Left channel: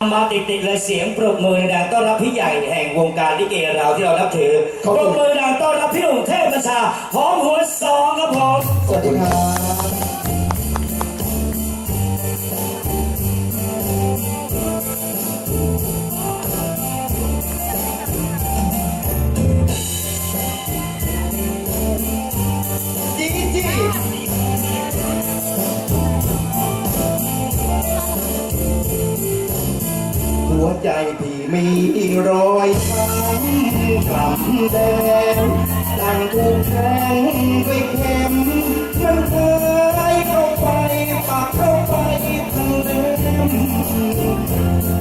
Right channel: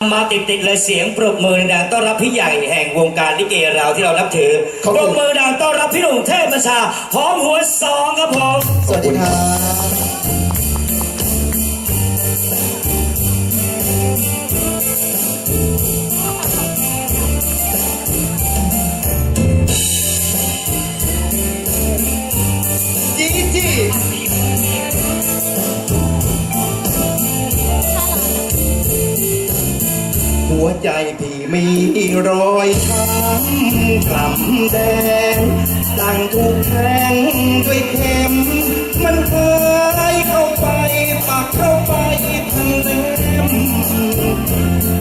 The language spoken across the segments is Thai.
มาติดติดๆเลยเสียงปรบมือดังต้อนรับพี่ใหญ่แห่งวงการลิเกเราที่เรานับถือขอบปคุรณบมือดังต้อนรับพี่หนุ่มเทพประชาหอมหัวสองครับผม สวัสดีครับ ใจพี่มีรอยช้ำกล่ำแดงตั้งถูกแทงด้วยเข็มมันเคยเข้าไปปักเข้าไปทั้งเล่ม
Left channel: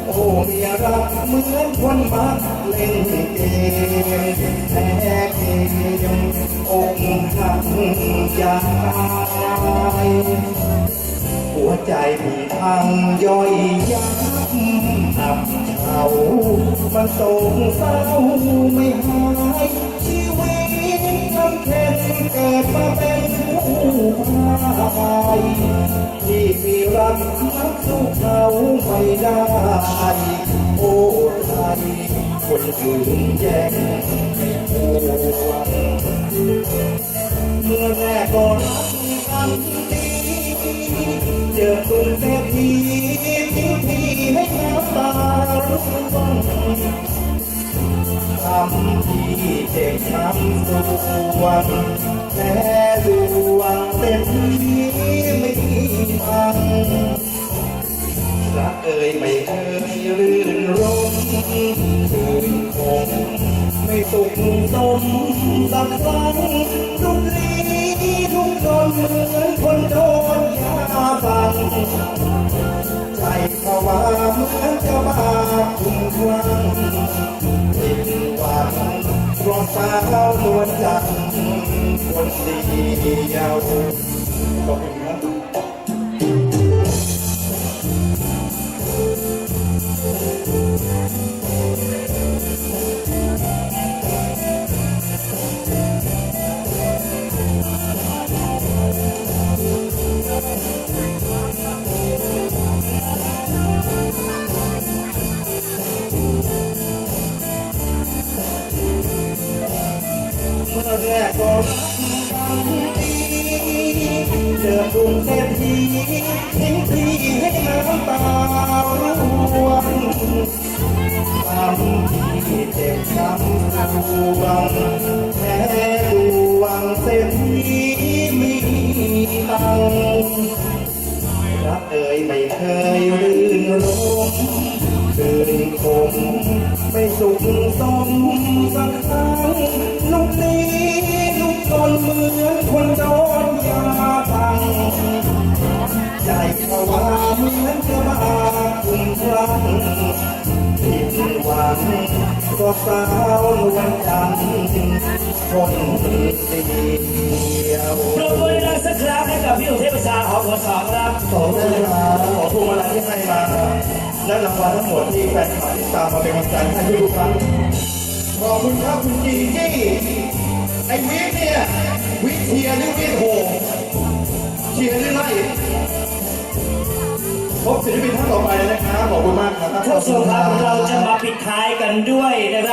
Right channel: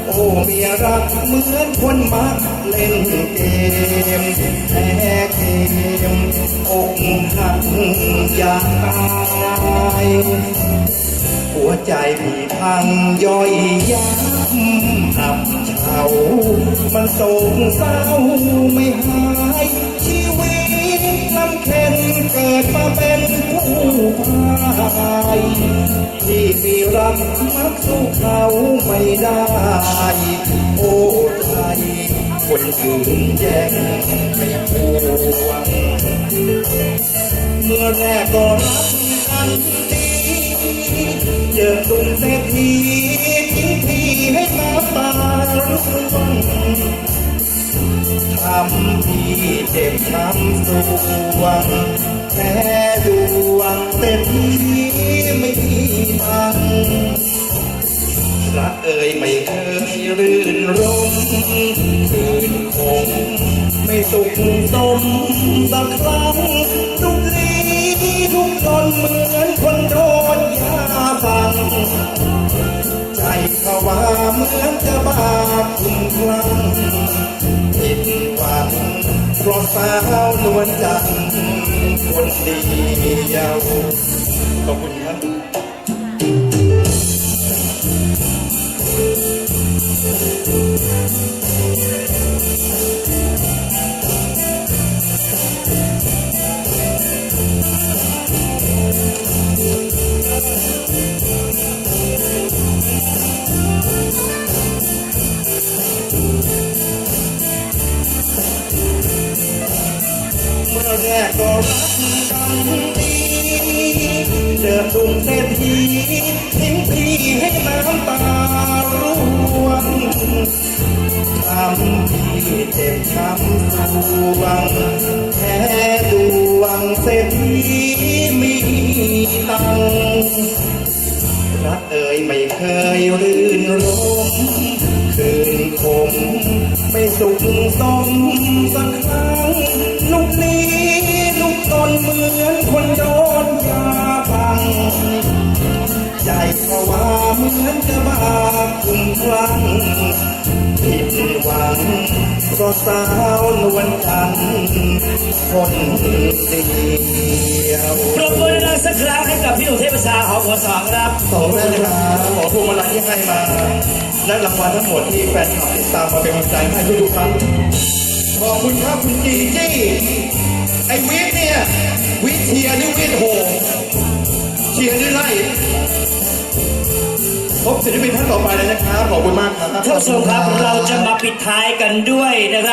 โอ้เมียรักเหมือนคนมักเล่นเกมแพ้เกมอกหักอยากตาย หัวใจพี่พังย่อยยับอับเฉามันโศกเศร้าไม่หาย ชีวิตลำเค็นเกิดมาเป็นผู้พายที่พี่รักมักสู้เขาไม่ได้ โอ้ใจคนอื่นแย่งไม่พวงเมื่อแรกก็รักกันดี เจอหนุ่มเศรษฐีทิ้งพี่ให้มาตารุ่งทำพี่เจ็บช้ำสวงแพ้ดวงเศรษฐีไม่มีตังรักเอ่ยไม่เคยรื่นรมคืนคงไม่สุขสมสักครั้งทุกรีทุกตนเหมือนคนโดนยา สั่งใจเขาว่าเหมือนจะบ้าคุ้มคลั่งผิดหวังเพราะสาวนวลจันทร์คนเดียวขอบคุณครับ เจอดุงเศรษฐีทิ้งพี่ให้น้ำตาร่วงทำพี่เจ็บช้ำสวงแพ้ดวงเศรษฐีมีตังรักเอ่ยไม่เคยรื่นรมคืนคมไม่สุขสมสักครั้ง เหมือนจะบาคุ้มคลั่งผิดหวังเพราะสาวนวลจันทร์คนเดียวปรบมือดังสักครั้งให้กับพี่หนุ่มเทพชาหอมหัวสองครับขอบคุณนะครับขอพวงมาลัยที่ให้มา และรางวัลทั้งหมดที่แฟนคลับติดตามมาเป็นกำลังใจให้ทุกครั้งขอบคุณครับคุณจีจี้ไอ้วิทย์เนี่ยวิทย์เชียหรือวิทย์โหเชียหรือไล่ ศิลปินท่านต่อไปเลยนะครับ ขอบคุณมากครับ ท่านผู้ชมครับเราจะมาปิดท้ายกันด้วยนะครับ